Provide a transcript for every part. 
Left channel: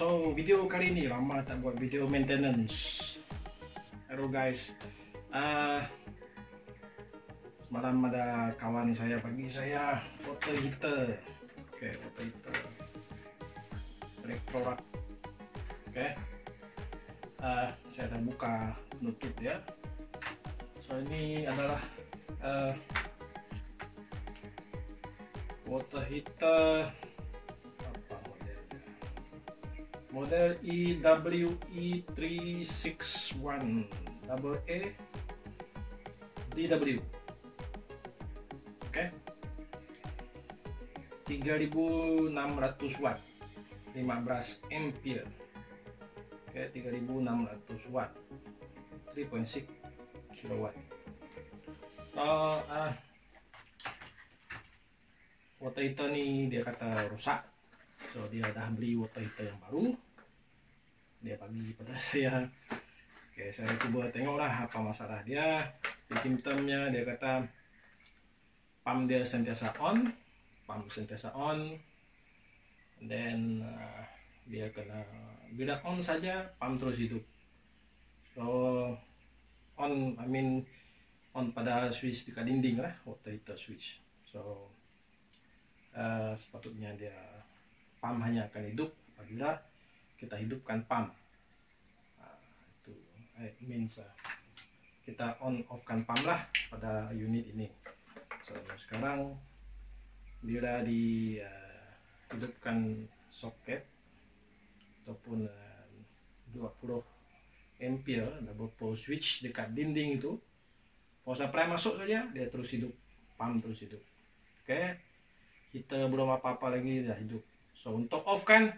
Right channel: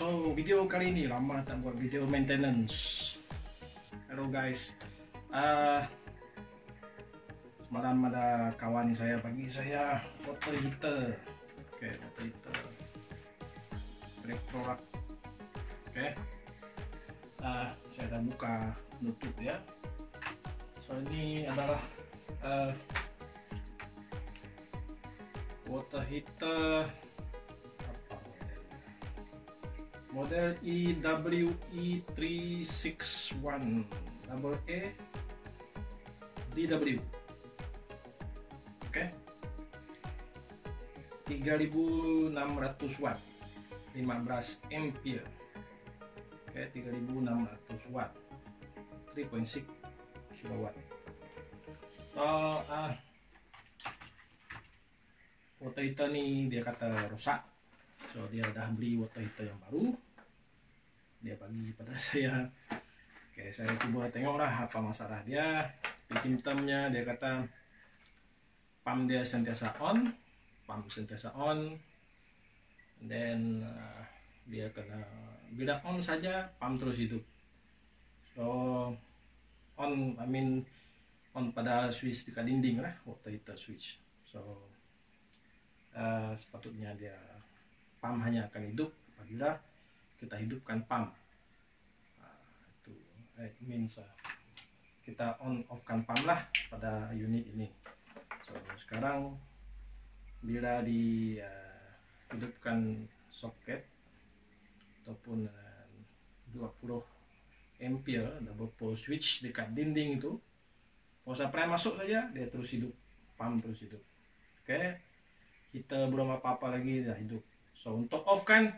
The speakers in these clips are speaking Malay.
so video kali ini lama tak buat video maintenance. Hello guys, semalam ada kawan saya bagi saya water heater. Oke, water heater Electrolux. Oke, saya dah buka nutup ya. So ini adalah water heater model EWE361 AA DW. Oke, 3600 watt, 15 ampere. Oke, 3600 watt, 3.6 kilowatt. Water heater ni dia kata rusak, so dia dah beli water heater yang baru, dia bagi pada saya. Oke, saya cuba tengoklah apa masalah dia. Simptomnya dia kata pump dia sentiasa on, then dia kena bila on saja pump terus hidup. So on, on pada switch dekat dinding lah, water heater switch. So sepatutnya dia pump hanya akan hidup apabila kita hidupkan pump. Itu means kita on off kan pump lah pada unit ini. So sekarang bila dihidupkan soket ataupun 20 ampere double pole switch dekat dinding itu, power supply masuk saja dia terus hidup, pump terus hidup. Oke, kita belum apa-apa lagi dah hidup. So untuk off kan,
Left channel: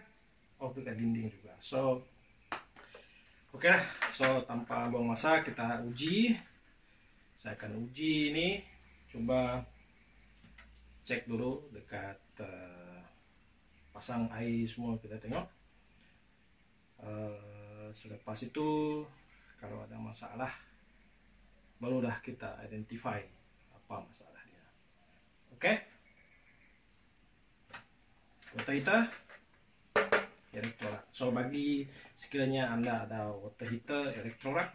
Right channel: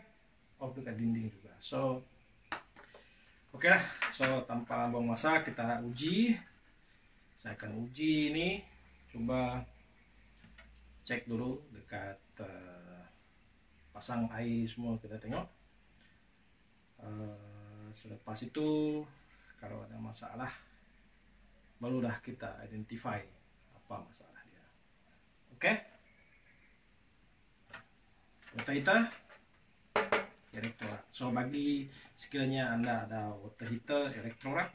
off dekat dinding juga. So oke lah, so tanpa buang masa kita uji. Saya akan uji ini, coba cek dulu dekat pasang air semua, kita tengok. Selepas itu kalau ada masalah barulah kita identify apa masalah dia. Oke, water heater Electrolux. So bagi sekiranya anda ada water heater Electrolux,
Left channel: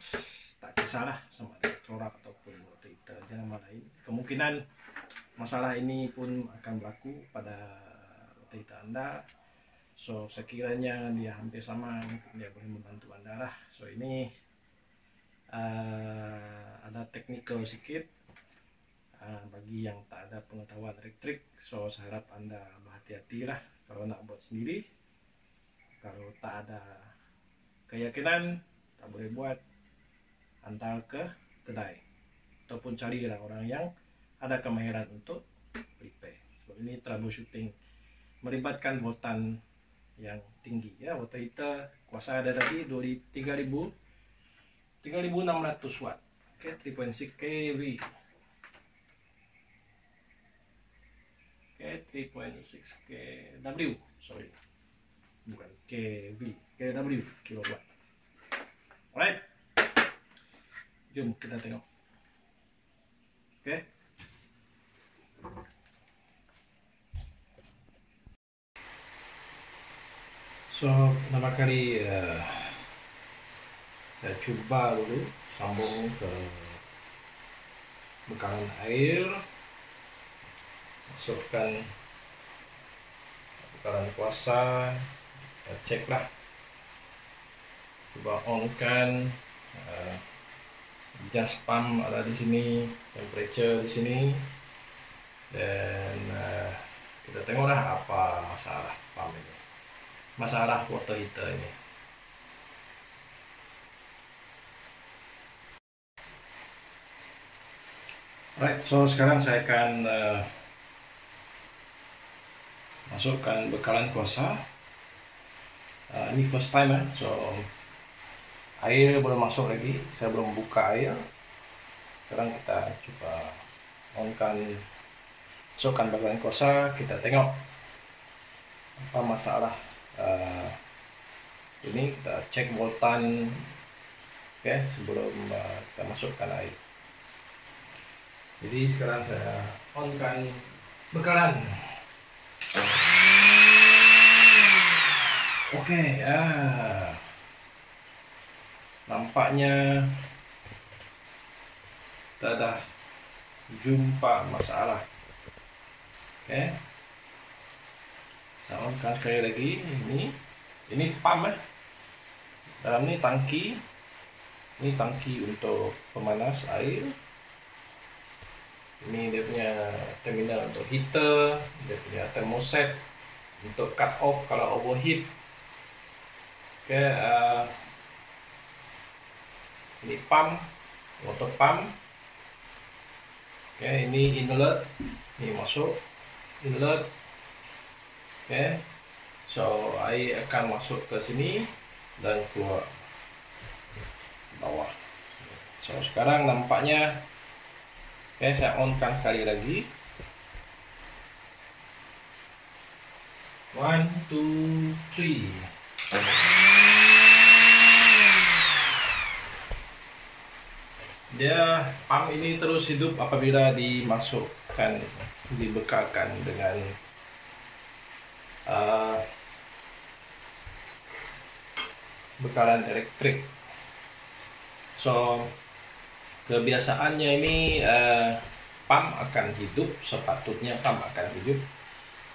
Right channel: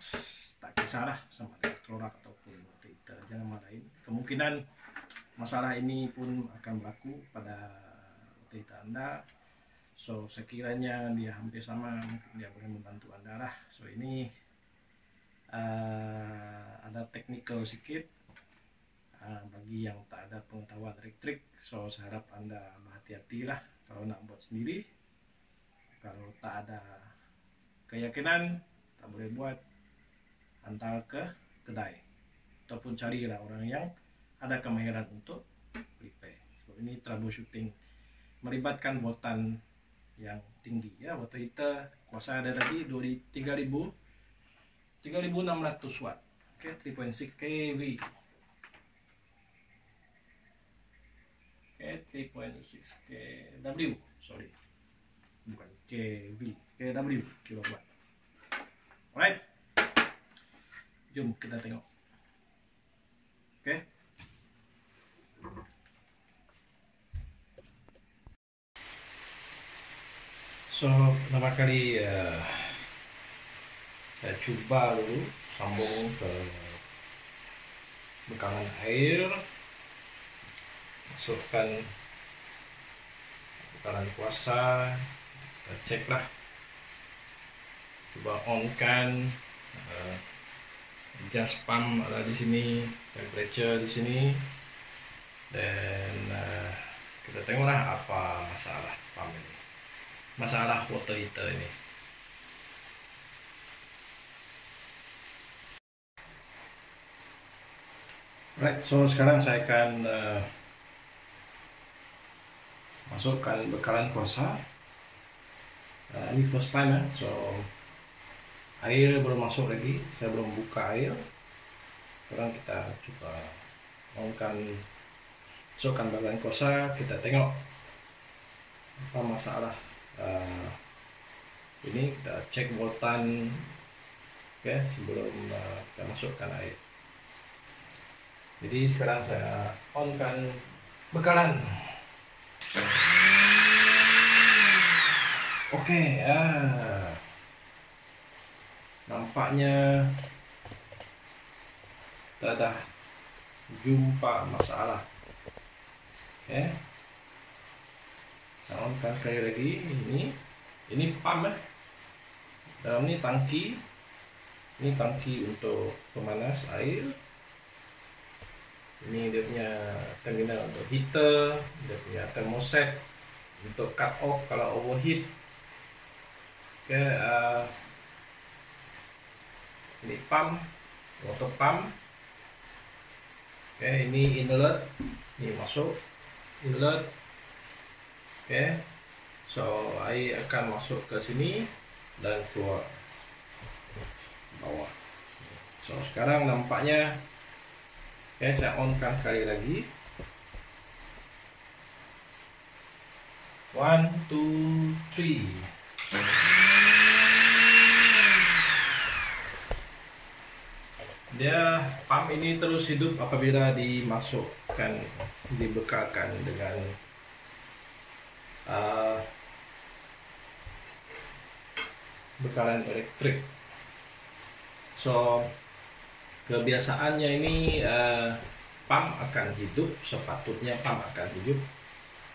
tak kisahlah sama Electrolux ataupun water heater jenama lain, kemungkinan masalah ini pun akan berlaku pada water heater anda. So sekiranya dia hampir sama, mungkin dia boleh membantu anda lah. So ini ada technical sedikit bagi yang tak ada pengetahuan elektrik. So saya harap anda berhati-hati lah kalau nak buat sendiri. Kalau tak ada keyakinan, tak boleh buat, hantar ke kedai ataupun carilah orang yang ada kemahiran untuk repair. Sebab ini troubleshooting melibatkan voltan yang tinggi ya. Water heater kuasa ada tadi 3600 watt. Oke, 3.6 kV. Oke, 3.6 kW, sorry, bukan kV, kW, kilowatt. Alright, jom kita tengok. Oke, so pertama kali saya coba dulu sambung ke bekalan air, masukkan bekalan kuasa, kita cek lah, coba on kan, adjust pump ada di sini, temperature di sini, dan kita tengoklah apa masalah pump ini, masalah water heater ini. Right, so sekarang saya akan masukkan bekalan kuasa. Ini first time ya, so air belum masuk lagi, saya belum buka air. Sekarang kita coba on-kan, masukkan bekalan kuasa, kita tengok apa masalah. Ini kita cek voltan, oke, sebelum kita masukkan air. Jadi sekarang saya on-kan bekalan. Oke, nampaknya kita dah jumpa masalah. Oke, saya on-kan sekali lagi. Ini pump ya. Dalam ini tangki. Ini tangki untuk pemanas air. Ini dia punya terminal untuk heater, dia punya thermoset untuk cut off kalau overheat. Oke, ini pump, water pump. Oke, ini inlet, ini masuk inlet. Oke, so air akan masuk ke sini dan keluar bawah. So sekarang nampaknya, oke, saya on-kan sekali lagi. 1, 2, 3. Dia pump ini terus hidup apabila dimasukkan, dibekalkan dengan bekalan elektrik. So kebiasaannya ini pump akan hidup, sepatutnya pump akan hidup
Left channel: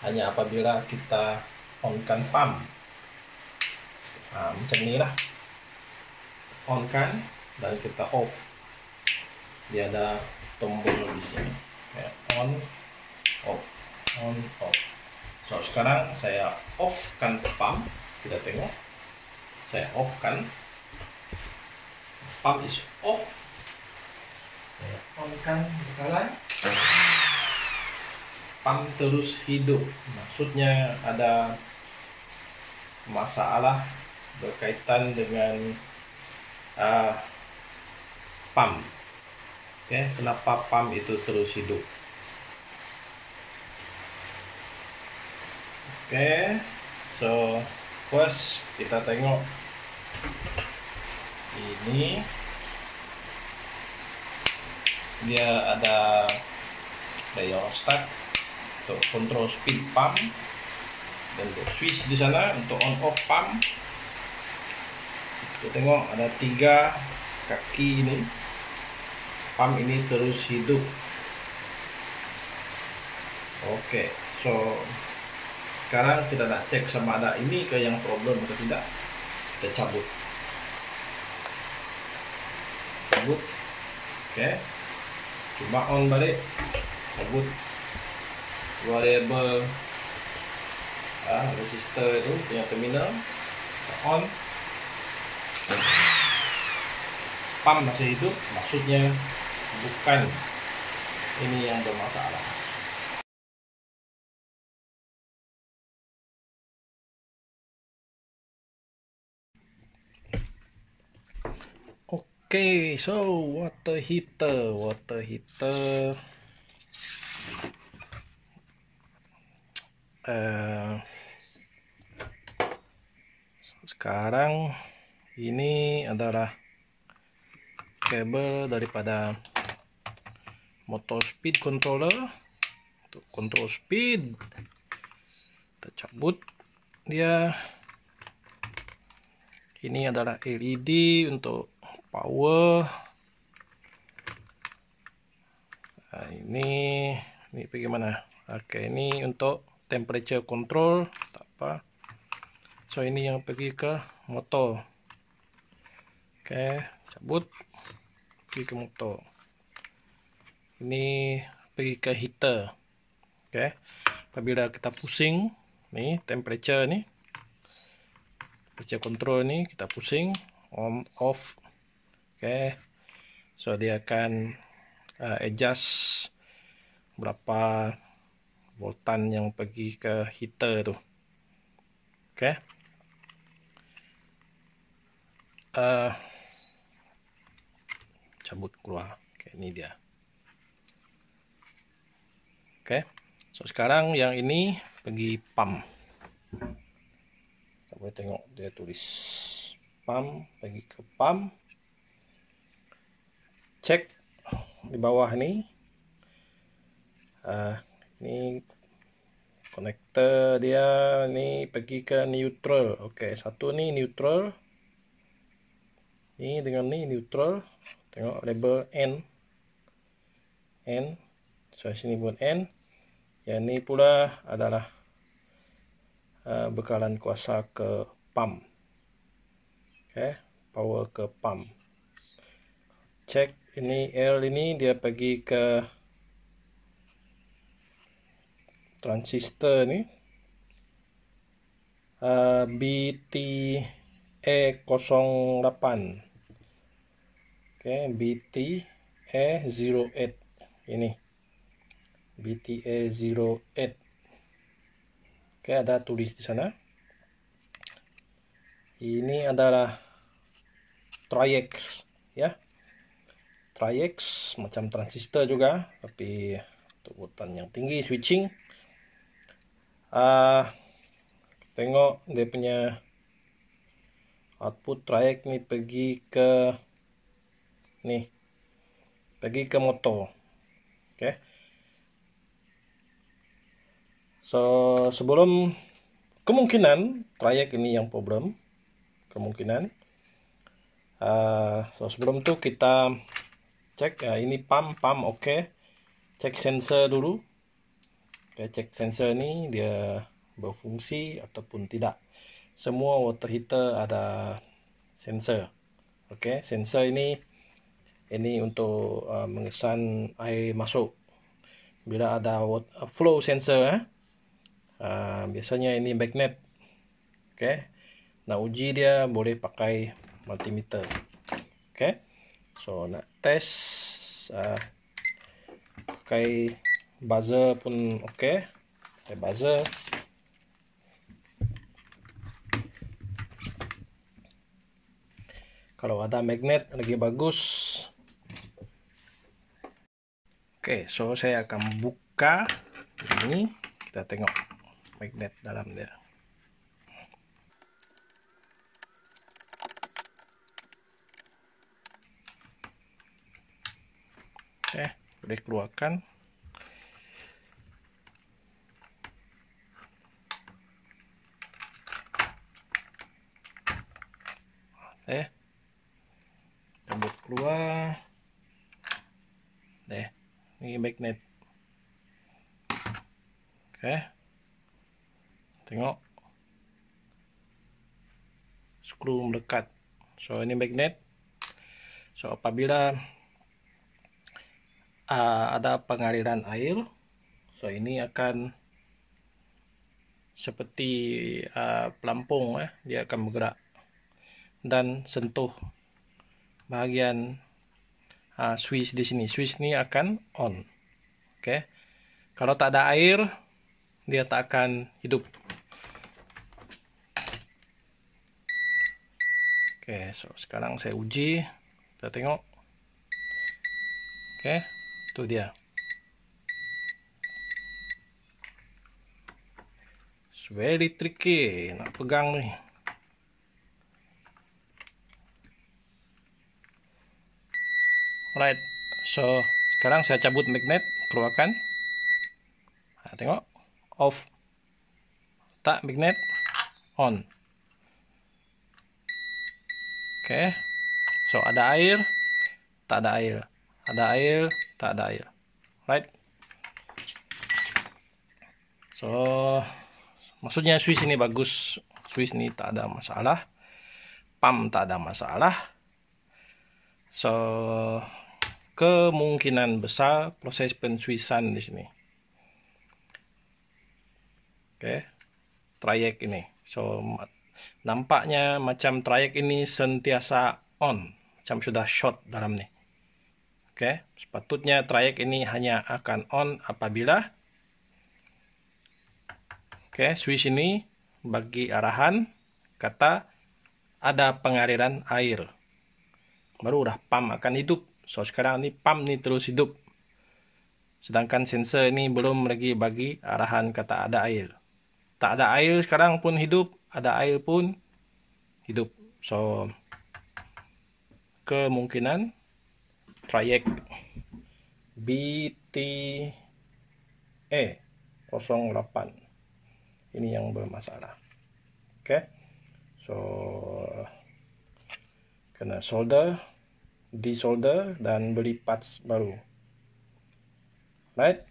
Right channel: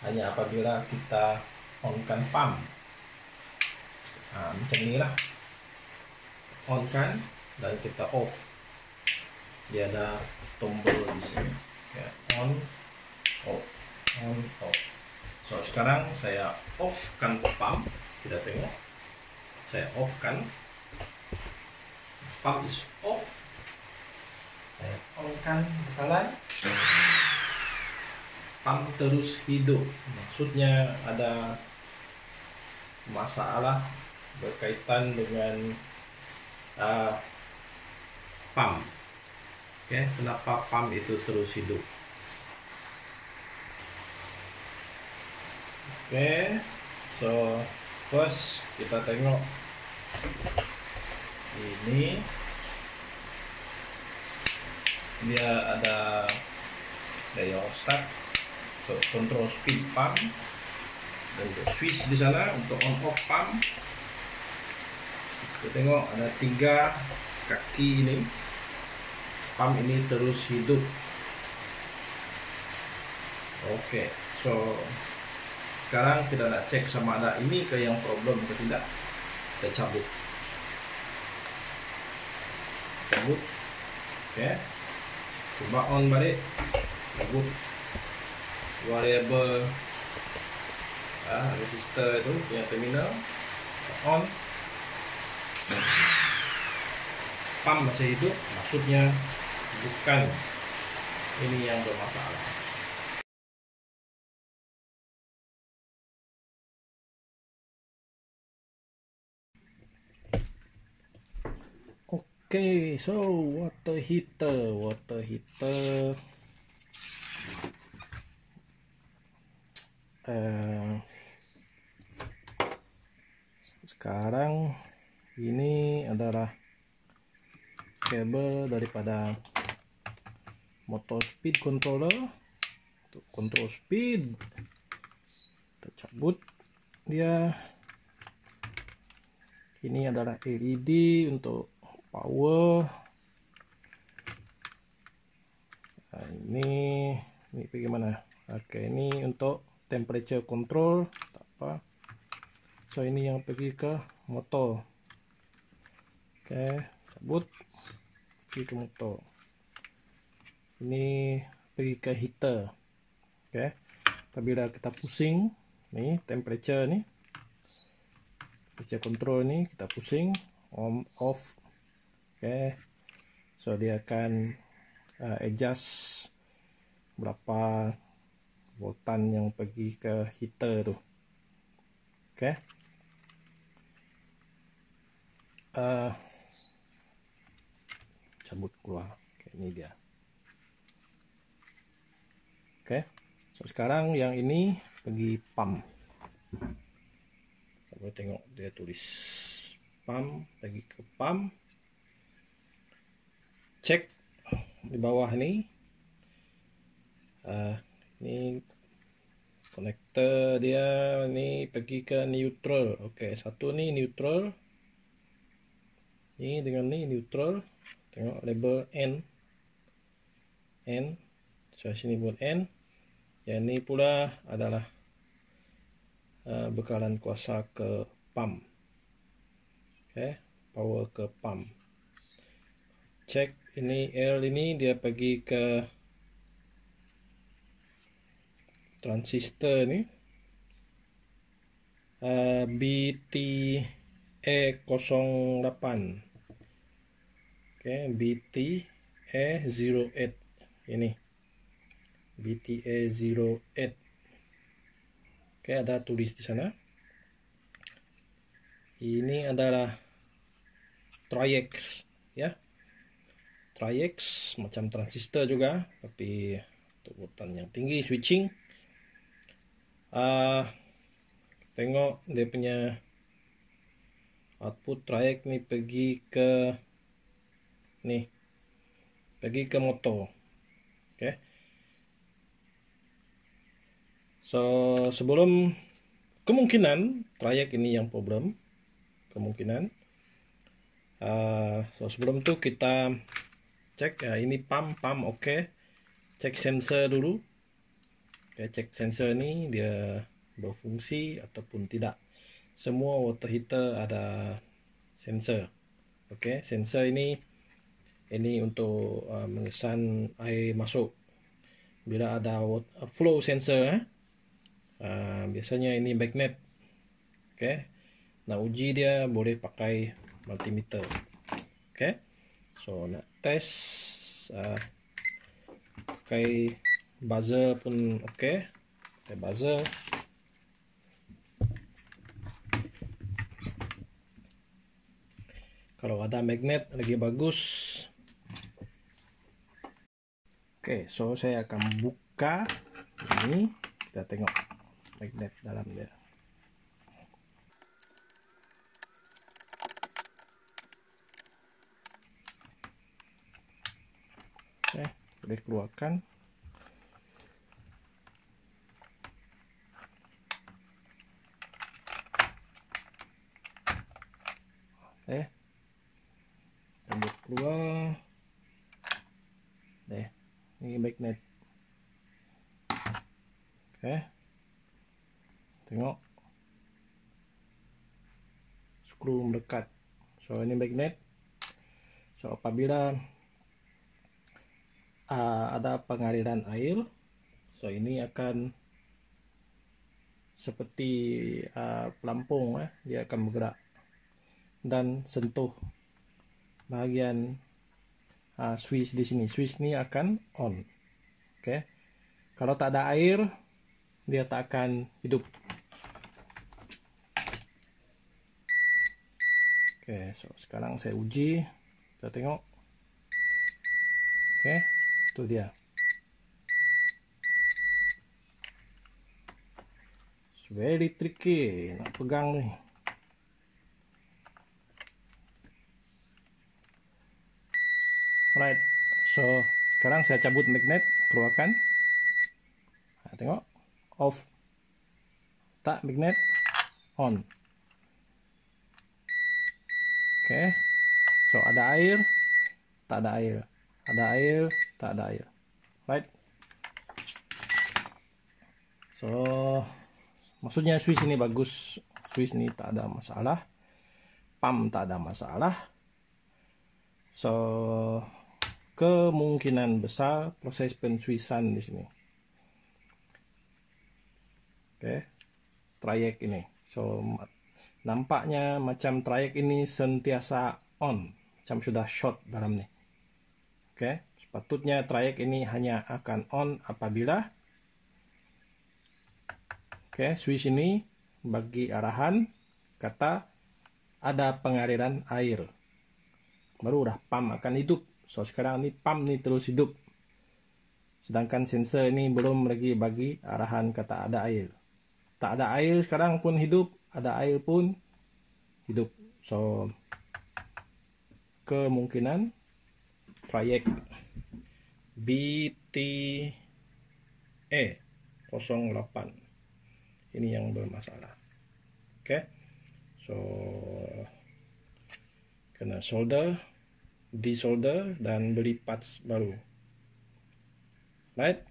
hanya apabila kita on-kan pump. Macam inilah, on-kan dan kita off. Dia ada tombol di sini ya, on, off, on, off. So sekarang saya off kan pump, kita tengok, saya off kan, pump is off. Saya on kan bekalan, pump terus hidup. Maksudnya ada masalah berkaitan dengan pump. Oke, kenapa pump itu terus hidup? Oke, so first kita tengok ini, dia ada rheostat untuk kontrol speed pump dan untuk switch di sana untuk on off pump. Kita tengok ada 3 kaki ini. Pump ini terus hidup. Oke, so sekarang kita nak cek sama ada ini ke yang problem atau tidak. Kita cabut. Oke, coba on balik. Cabut variable resistor itu punya terminal. On. Pump masih hidup, maksudnya bukan ini yang bermasalah. Okay, so water heater. Sekarang ini adalah kabel daripada motor speed controller untuk kontrol speed. Kita cabut dia. Ini adalah LED untuk power. Nah, ini pergi mana? Oke, ini untuk temperature control, tak apa. So ini yang pergi ke motor. Oke, cabut, pergi ke motor. Ini pergi ke heater. Oke, apabila kita pusing, nih temperature nih, temperature control nih kita pusing, on off. Oke, so dia akan adjust berapa voltan yang pergi ke heater tuh. Oke, cabut keluar. Oke, ini dia. Oke, so sekarang yang ini pergi pump. Kita boleh tengok dia tulis pump, pergi ke pump. Cek di bawah ini. Ini Konektor dia ni pergi ke neutral. Okey, satu ni neutral. Ni dengan ni neutral. Tengok label N. So sini pun N. Yang ni pula adalah bekalan kuasa ke pump. Okey, power ke pump. Cek ini L ini dia pergi ke transistor ni BTA08. Okey, BTA08 ini BTA08. Okey, ada tulis di sana. Ini adalah Tri-X ya. Tri-X macam transistor juga, tapi terutan yang tinggi switching. Tengok dia punya output Tri-X ni pergi ke motor. Okay. So sebelum kemungkinan Tri-X ini yang problem, kemungkinan. So sebelum tu kita cek ini pump oke. Cek sensor dulu. Okay, cek sensor ni dia berfungsi ataupun tidak. Semua water heater ada sensor. Okay, sensor ini untuk mengesan air masuk. Bila ada flow sensor, biasanya ini magnet. Okay, nak uji dia boleh pakai multimeter. Okay, so nak test pakai buzzer pun okay. Pakai buzzer. Kalau ada magnet lagi bagus. Okay, so saya akan buka ini. Kita tengok magnet dalam dia. Okay, boleh keluarkan. Ambil keluar. Ini magnet. Okay. Tengok. Skru melekat. So ini magnet. So apabila ada pengaliran air, so ini akan seperti pelampung, dia akan bergerak dan sentuh bahagian switch di sini. Switch ni akan on. Okay. Kalau tak ada air, dia tak akan hidup. Okay, so sekarang saya uji. Kita tengok. Okay, itu dia. It's very tricky nak pegang ni. Alright, so sekarang saya cabut magnet, keluarkan. Tengok, off. Tak, magnet on. Okay, so ada air, tak ada air. Ada air, tak ada air. Right. So maksudnya switch ini bagus. Switch ini tak ada masalah. Pump tak ada masalah. So kemungkinan besar proses penswisan di sini. Oke, Tri-X ini. So nampaknya macam Tri-X ini sentiasa on, macam sudah short dalam ni. Oke, sepatutnya Tri-X ini hanya akan on apabila switch ini bagi arahan kata ada pengaliran air. Baru dah pump akan hidup. So sekarang ni pump ni terus hidup. Sedangkan sensor ini belum lagi bagi arahan kata ada air. Tak ada air sekarang pun hidup, ada air pun hidup. So kemungkinan Tri-X BTA08 ini yang bermasalah. Oke, so kena solder, desolder, dan beli parts baru. Right?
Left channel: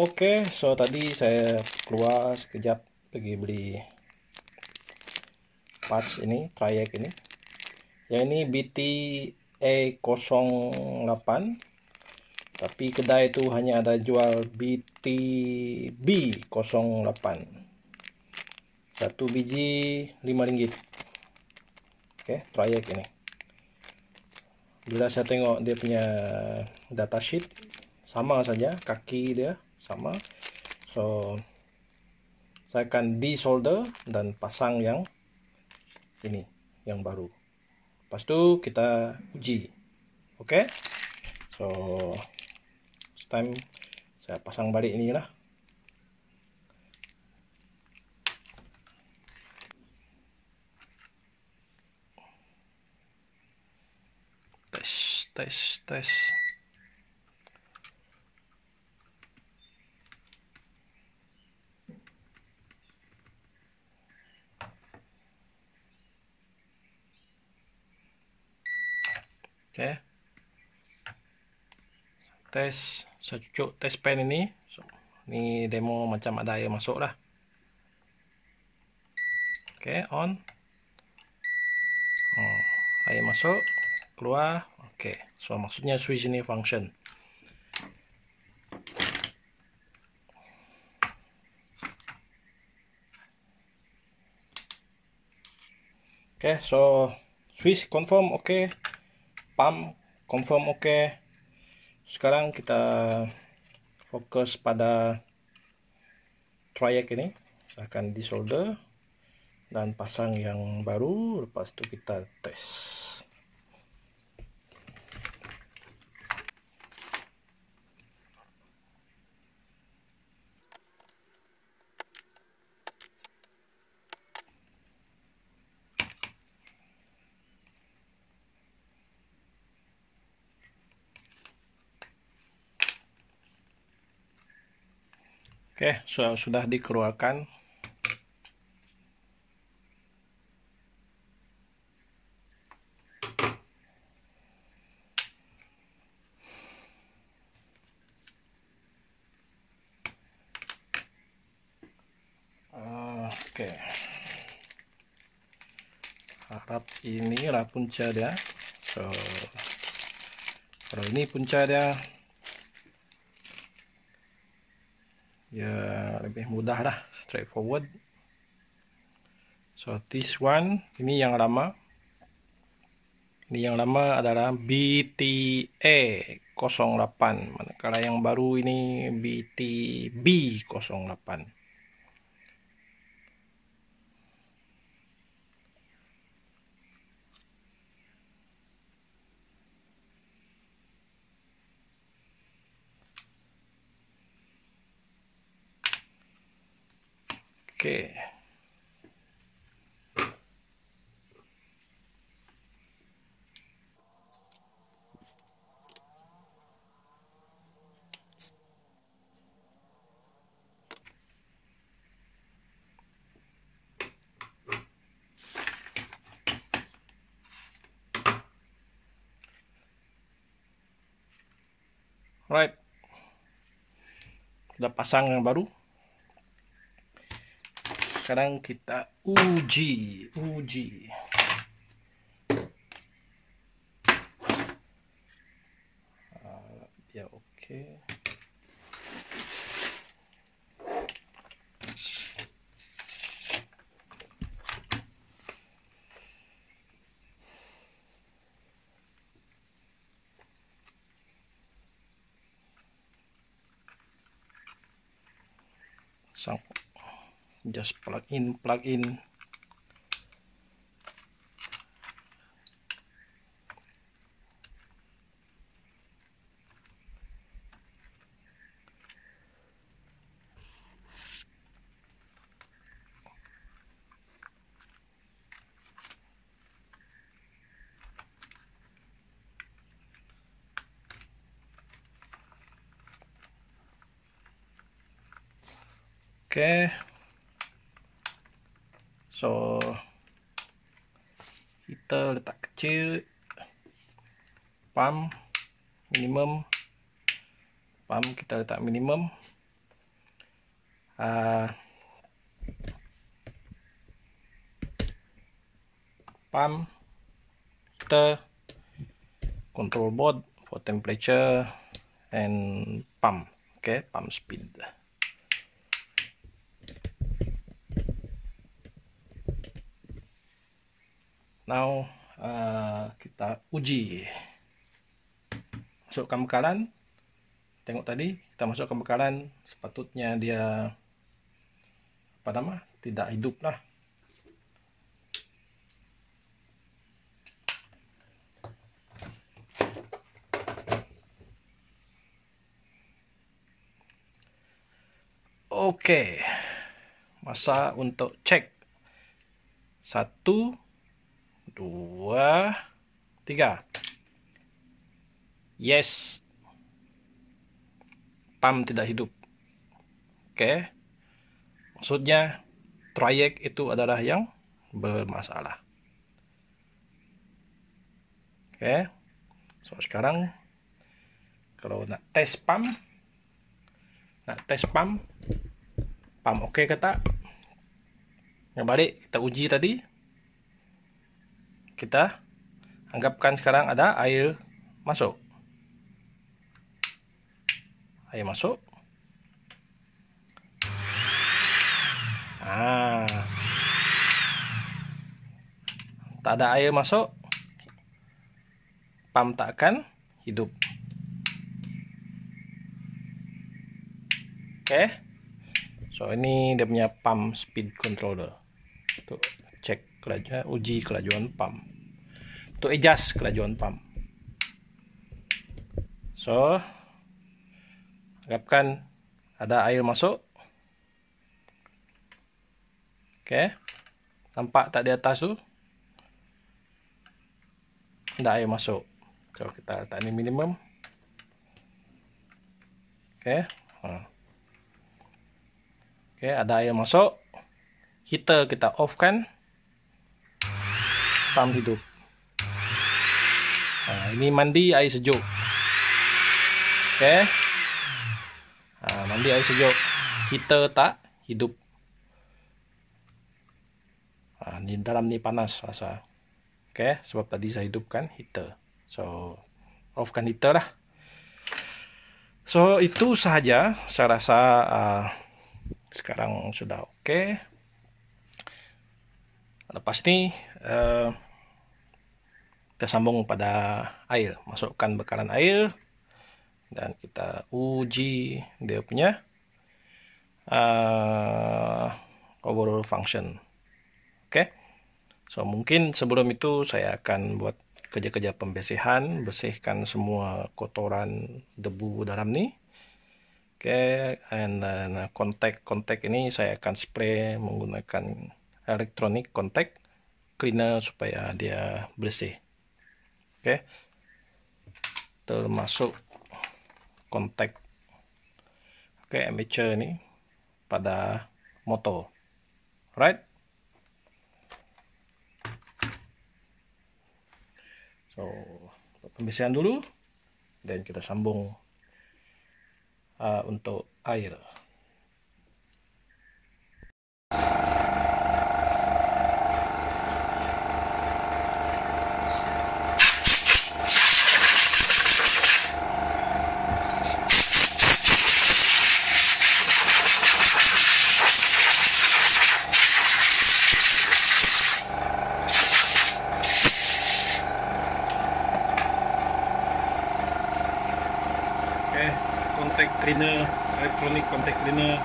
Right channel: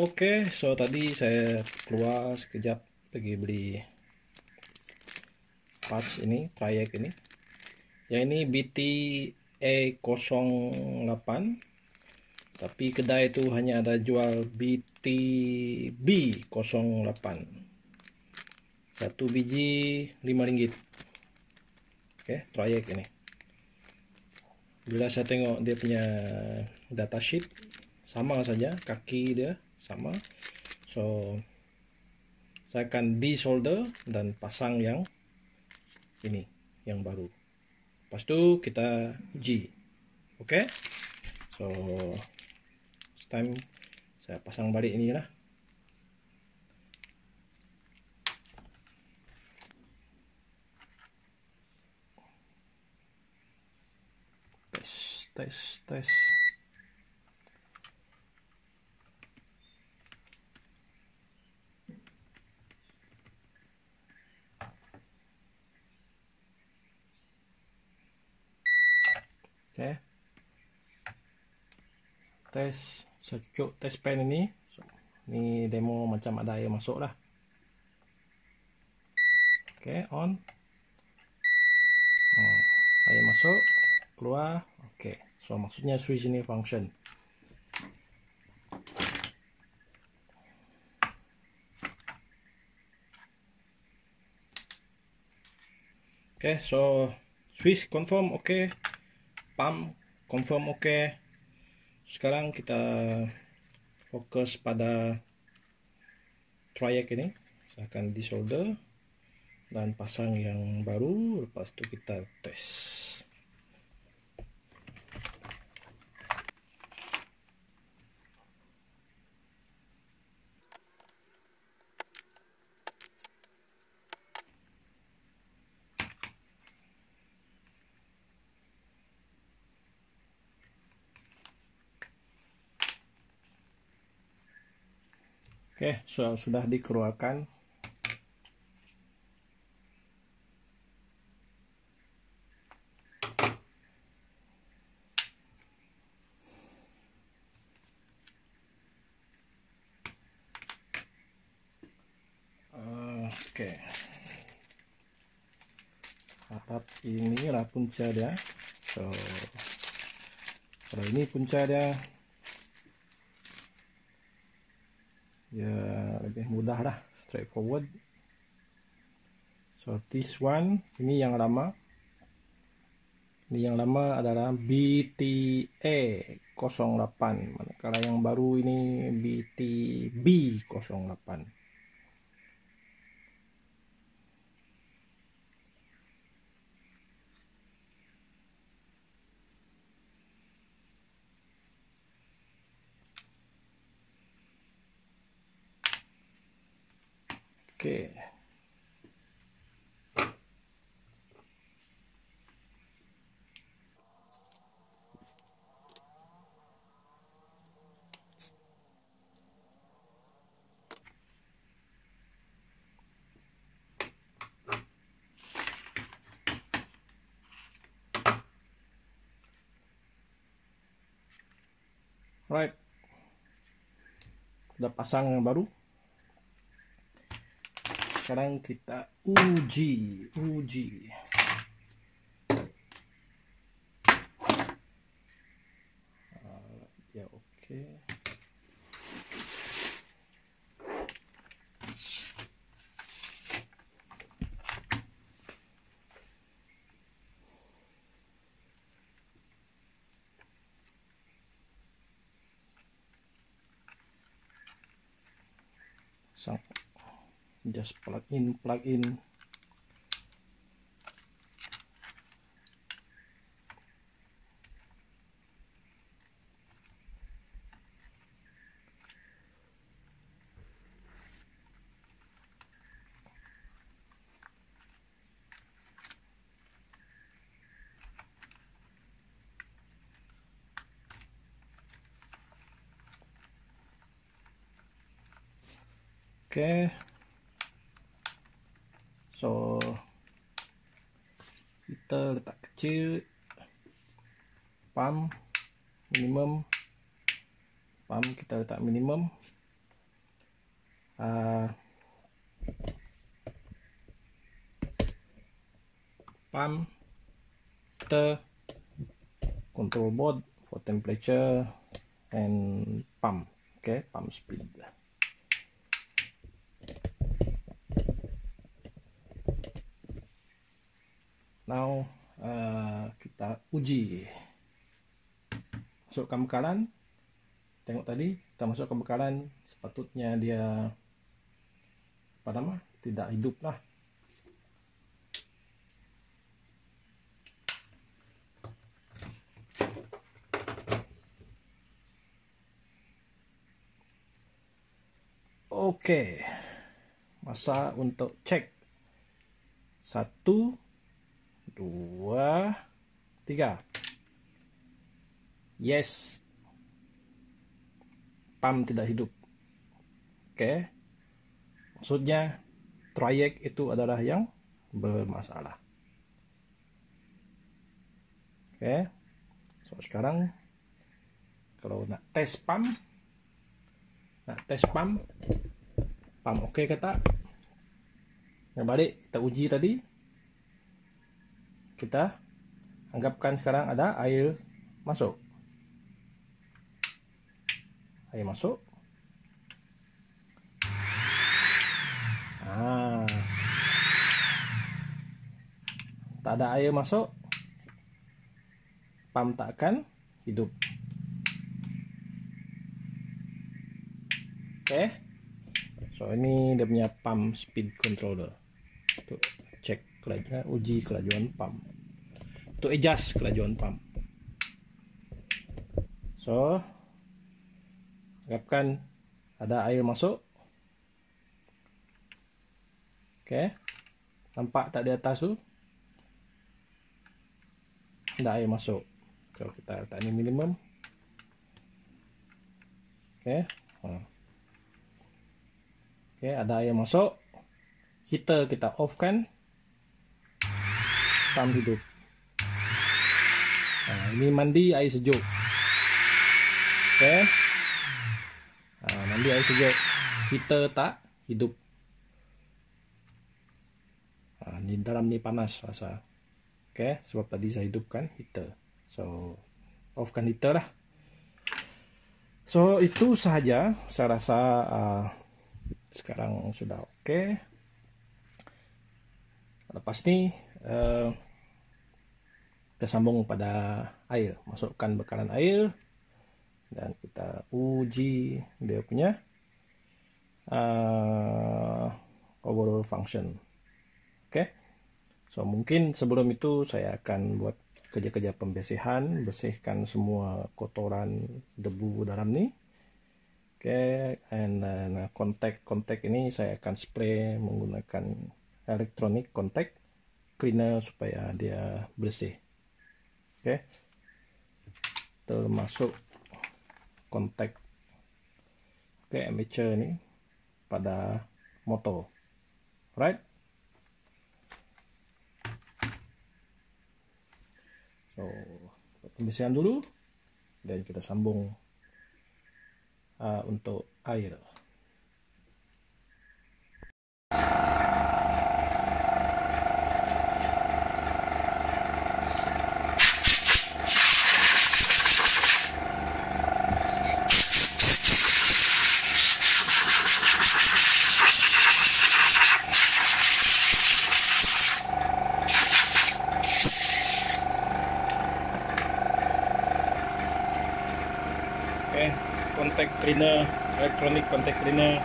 Oke, so tadi saya keluar sekejap pergi beli parts ini, trayek ini. Yang ini BT-A08, tapi kedai itu hanya ada jual BT-B08. Satu biji RM5. Oke, trayek ini. Bila saya tengok dia punya datasheet, sama saja, kaki dia sama. So saya akan desolder dan pasang yang ini, yang baru. Lepas itu kita uji. Oke, so this time saya pasang balik ini lah. Tes. Oke, tes, saya cucuk tes pen ini. So, ini demo macam ada air masuk lah. Oke, on. Air masuk, keluar. Oke, so maksudnya switch ini function. Oke, so switch confirm oke. Pump confirm oke. Sekarang kita fokus pada trayek ini. Saya akan desolder dan pasang yang baru. Lepas itu kita tes. Oke, sudah dikeluarkan. Oke, harap inilah punca dia. So kalau ini punca dia, ya lebih mudah lah, straightforward. So this one, ini yang lama. Ini yang lama adalah BTA08, manakala yang baru ini BTB08. Oke. Right. Udah pasang yang baru. Sekarang kita uji. Ya oke. Just plug in. Oke. So kita letak kecil, pump minimum, pump kita letak minimum, pump kita control board for temperature and pump. Okay, pump speed. Now kita uji. Masukkan bekalan. Tengok tadi kita masukkan bekalan, sepatutnya dia tidak hidup lah. Oke, masa untuk cek. 1, 2, 3. Yes, pump tidak hidup. Oke, maksudnya trayek itu adalah yang bermasalah. Oke, so sekarang kalau nak tes pump, pump oke ke tak? Yang balik kita uji tadi, kita anggapkan sekarang ada air masuk. Air masuk. Tak ada air masuk, pump tak akan hidup. Oke. So ini dia punya pump speed controller. Untuk cek uji kelajuan pump. Untuk adjust kelajuan pump. So harapkan ada air masuk. Oke. Nampak tak di atas tu? Ada air masuk. So kita letak ni minimum. Oke. Oke, ada air masuk. Kita off kan. Pump hidup. Ini mandi air sejuk. Oke. Mandi air sejuk. Heater tak hidup. Di dalam ni panas rasa. Oke, sebab tadi saya hidupkan heater. So, offkan heater lah. So, itu sahaja. Saya rasa sekarang sudah oke. Lepas ni kita sambung pada air. Masukkan bekalan air. Dan kita uji dia punya overall function. Oke. So mungkin sebelum itu saya akan buat kerja-kerja pembersihan, bersihkan semua kotoran debu dalam ni. Oke, and kontak ini saya akan spray menggunakan electronic contact cleaner supaya dia bersih. Oke. Termasuk kontak armature ini pada motor. Right? So, pembersihan dulu dan kita sambung untuk air. Contact cleaner, electronic contact cleaner.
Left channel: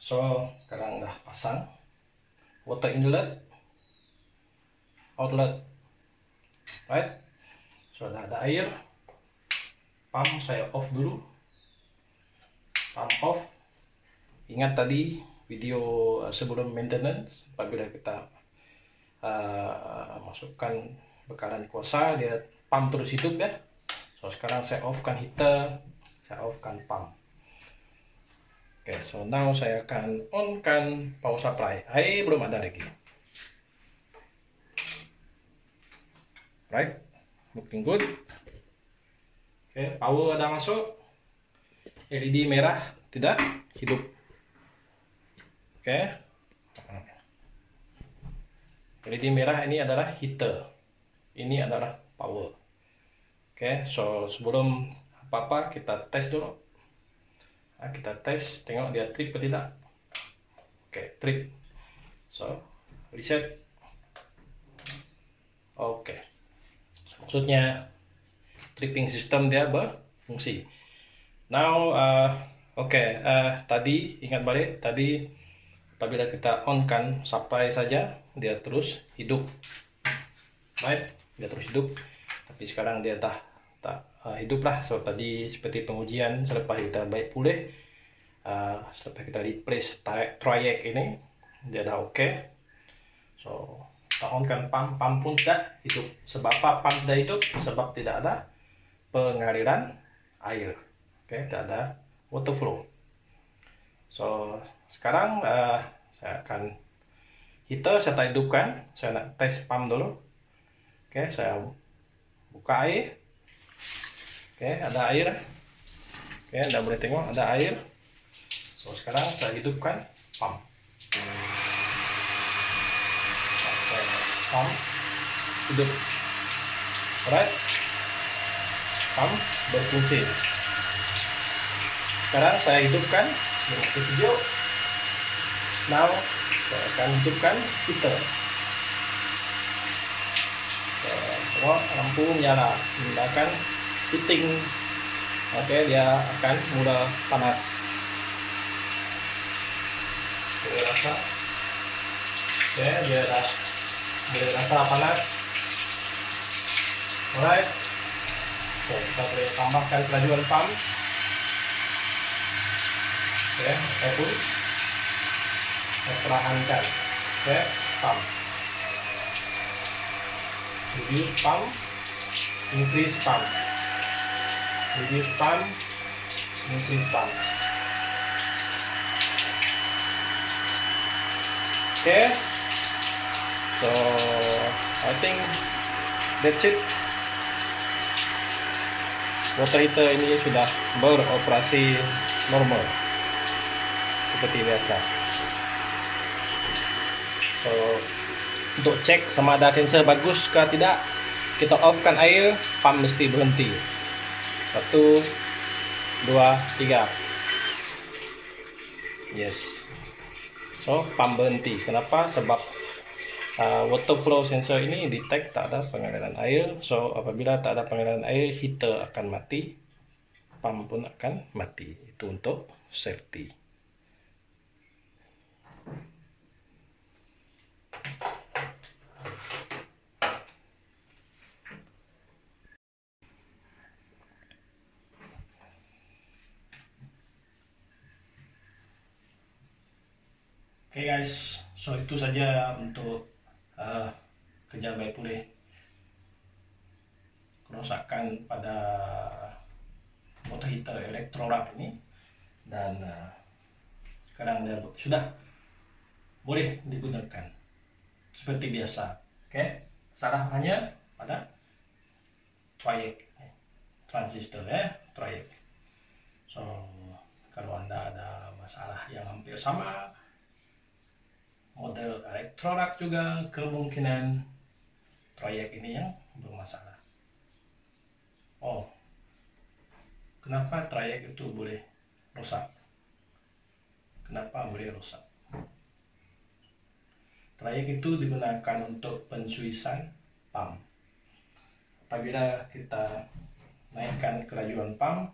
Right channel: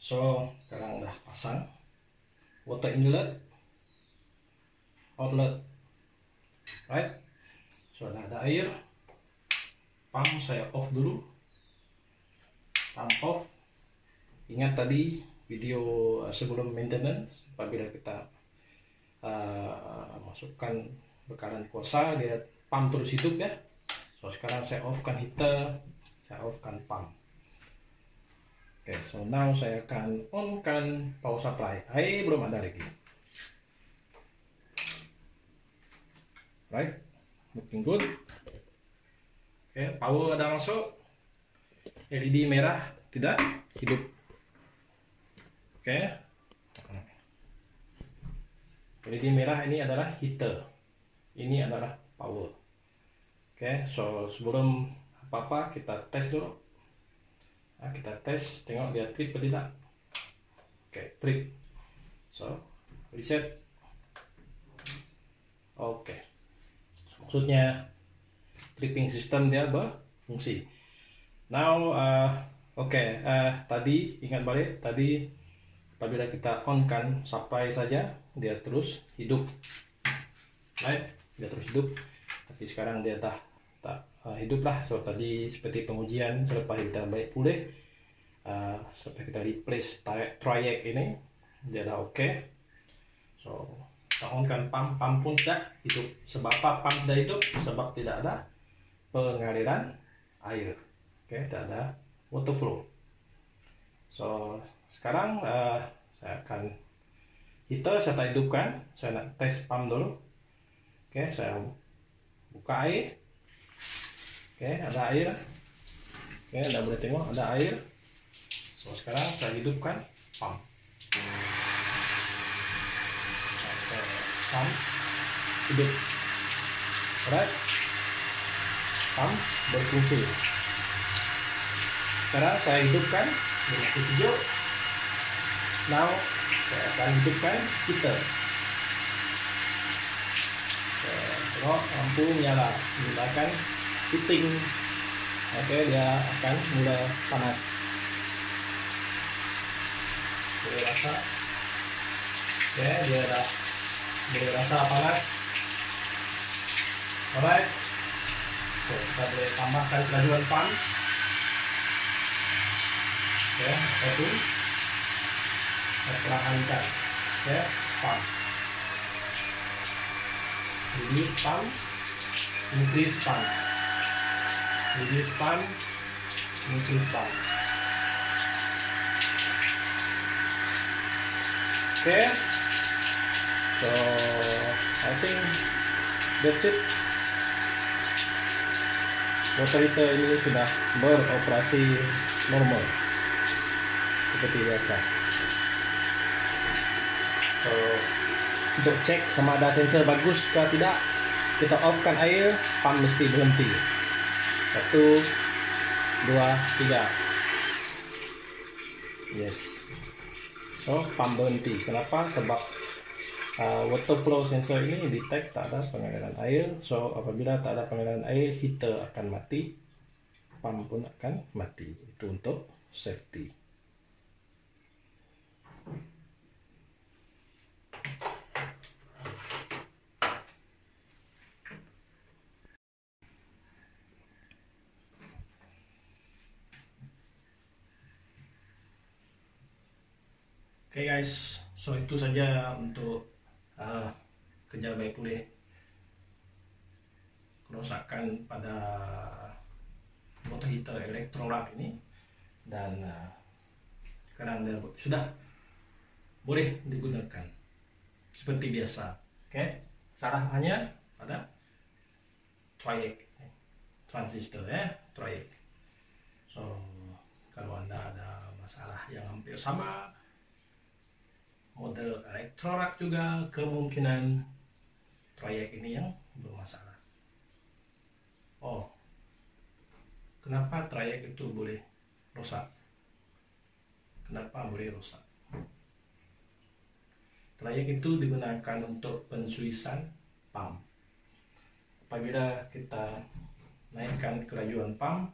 So sekarang udah pasang water inlet, outlet, right? So ada air. Pump saya off dulu, pump off. Ingat tadi video sebelum maintenance, apabila kita masukkan bekalan kuasa, dia pump terus hidup ya. So sekarang saya offkan heater, saya offkan pump. Oke, so now saya akan on-kan power supply. Air belum ada lagi. Right, looking good. Oke, power ada masuk. LED merah tidak hidup. Oke, LED merah ini adalah heater, ini adalah power. Oke, so sebelum apa-apa kita tes dulu. Kita tes, tengok dia trip atau tidak. Oke, trip. So reset. Oke, maksudnya tripping system dia berfungsi. Now tadi ingat balik, tadi apabila kita on kan supply saja, dia terus hidup, right? Dia terus hidup. Tapi sekarang dia tak hidup lah. So tadi seperti pengujian selepas kita baik pulih, selepas kita replace trayek ini, dia dah oke. So kita on kan pump pun tidak hidup. Sebab apa pump tidak hidup? Sebab tidak ada pengaliran air. Oke, tidak ada water flow. So sekarang saya akan heater saya tak hidupkan. Saya nak tes pump dulu. Oke, saya buka air. Oke, ada air. Oke, Anda boleh tengok ada air. So sekarang saya hidupkan pump. Pump hidup. Alright, pump berfungsi. Sekarang saya hidupkan dengan sejuk. Now saya akan hidupkan heater. Lampu nyala, menggunakan heating. Oke, dia akan mulai panas. Dia rasa, dia rasa panas. Alright, so, kita boleh tambahkan kelajuan pump. Oke, saya pun perlahankan. Oke, pump. Reduce pump, increase pump. Reduce pump, increase pump. Okay, so I think that's it. Water heater ini sudah beroperasi normal seperti biasa. So untuk cek sama ada sensor bagus kah tidak, kita off-kan air, pump mesti berhenti. 1, 2, 3. Yes. So pump berhenti. Kenapa? Sebab water flow sensor ini detect tak ada pengaliran air. So apabila tak ada pengaliran air, heater akan mati, pump pun akan mati. Itu untuk safety. Oke guys, so itu saja untuk kerja baik pulih kerusakan pada water heater Electrolux ini, dan sekarang dia sudah boleh digunakan seperti biasa. Oke, salah hanya pada trayek transistor ya, trayek. So kalau Anda ada masalah yang hampir sama model Electrolux juga, kemungkinan trayek ini yang bermasalah. Oh, kenapa trayek itu boleh rusak? Kenapa boleh rusak? Trayek itu digunakan untuk pensuisan pump. Apabila kita naikkan kelajuan pump,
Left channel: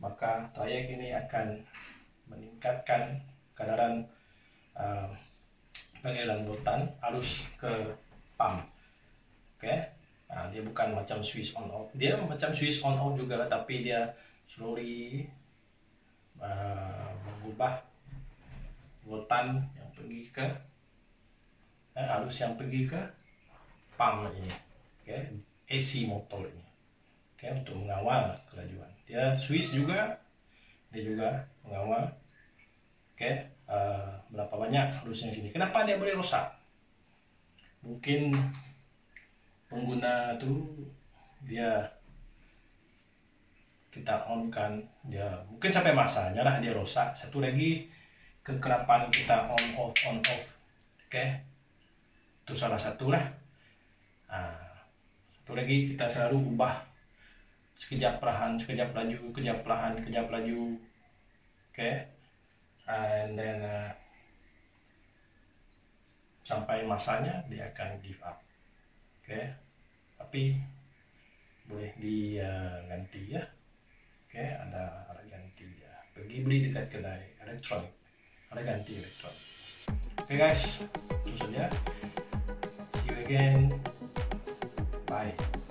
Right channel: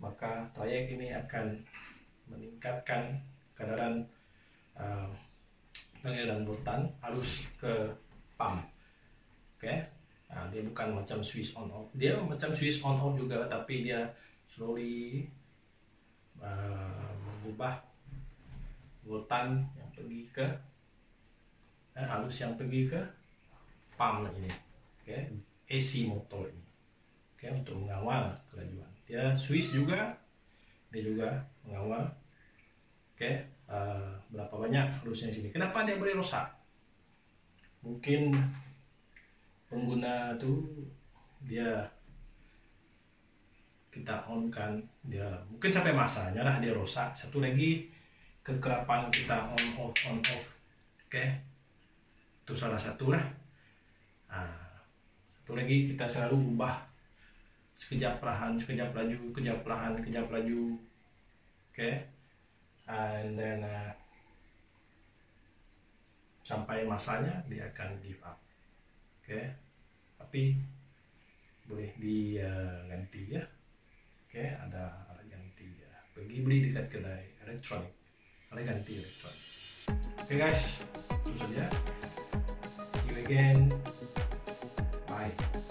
maka trayek ini akan meningkatkan kadaran pengaliran voltan arus ke pump. Oke. Nah, dia bukan macam switch on off. Dia macam switch on off juga, tapi dia slowly mengubah voltan yang pergi ke arus yang pergi ke pump ini. Oke, AC motor ini. Oke, untuk mengawal kelajuan. Dia switch juga, dia juga mengawal. Oke, berapa banyak arusnya sini. Kenapa dia boleh rusak? Mungkin pengguna tuh kita on kan, dia mungkin sampai masanya lah dia rusak. Satu lagi kekerapan kita on off. Oke, itu salah satu lah. Satu lagi kita selalu ubah sekejap perlahan, sekejap laju, sekejap perlahan, sekejap laju. Oke, and then sampai masanya dia akan give up. Oke, tapi boleh diganti ya. Oke, ada alat ganti ya. Pergi beli dekat kedai elektronik, alat ganti elektronik. Oke guys, itu saja. See you again. Bye.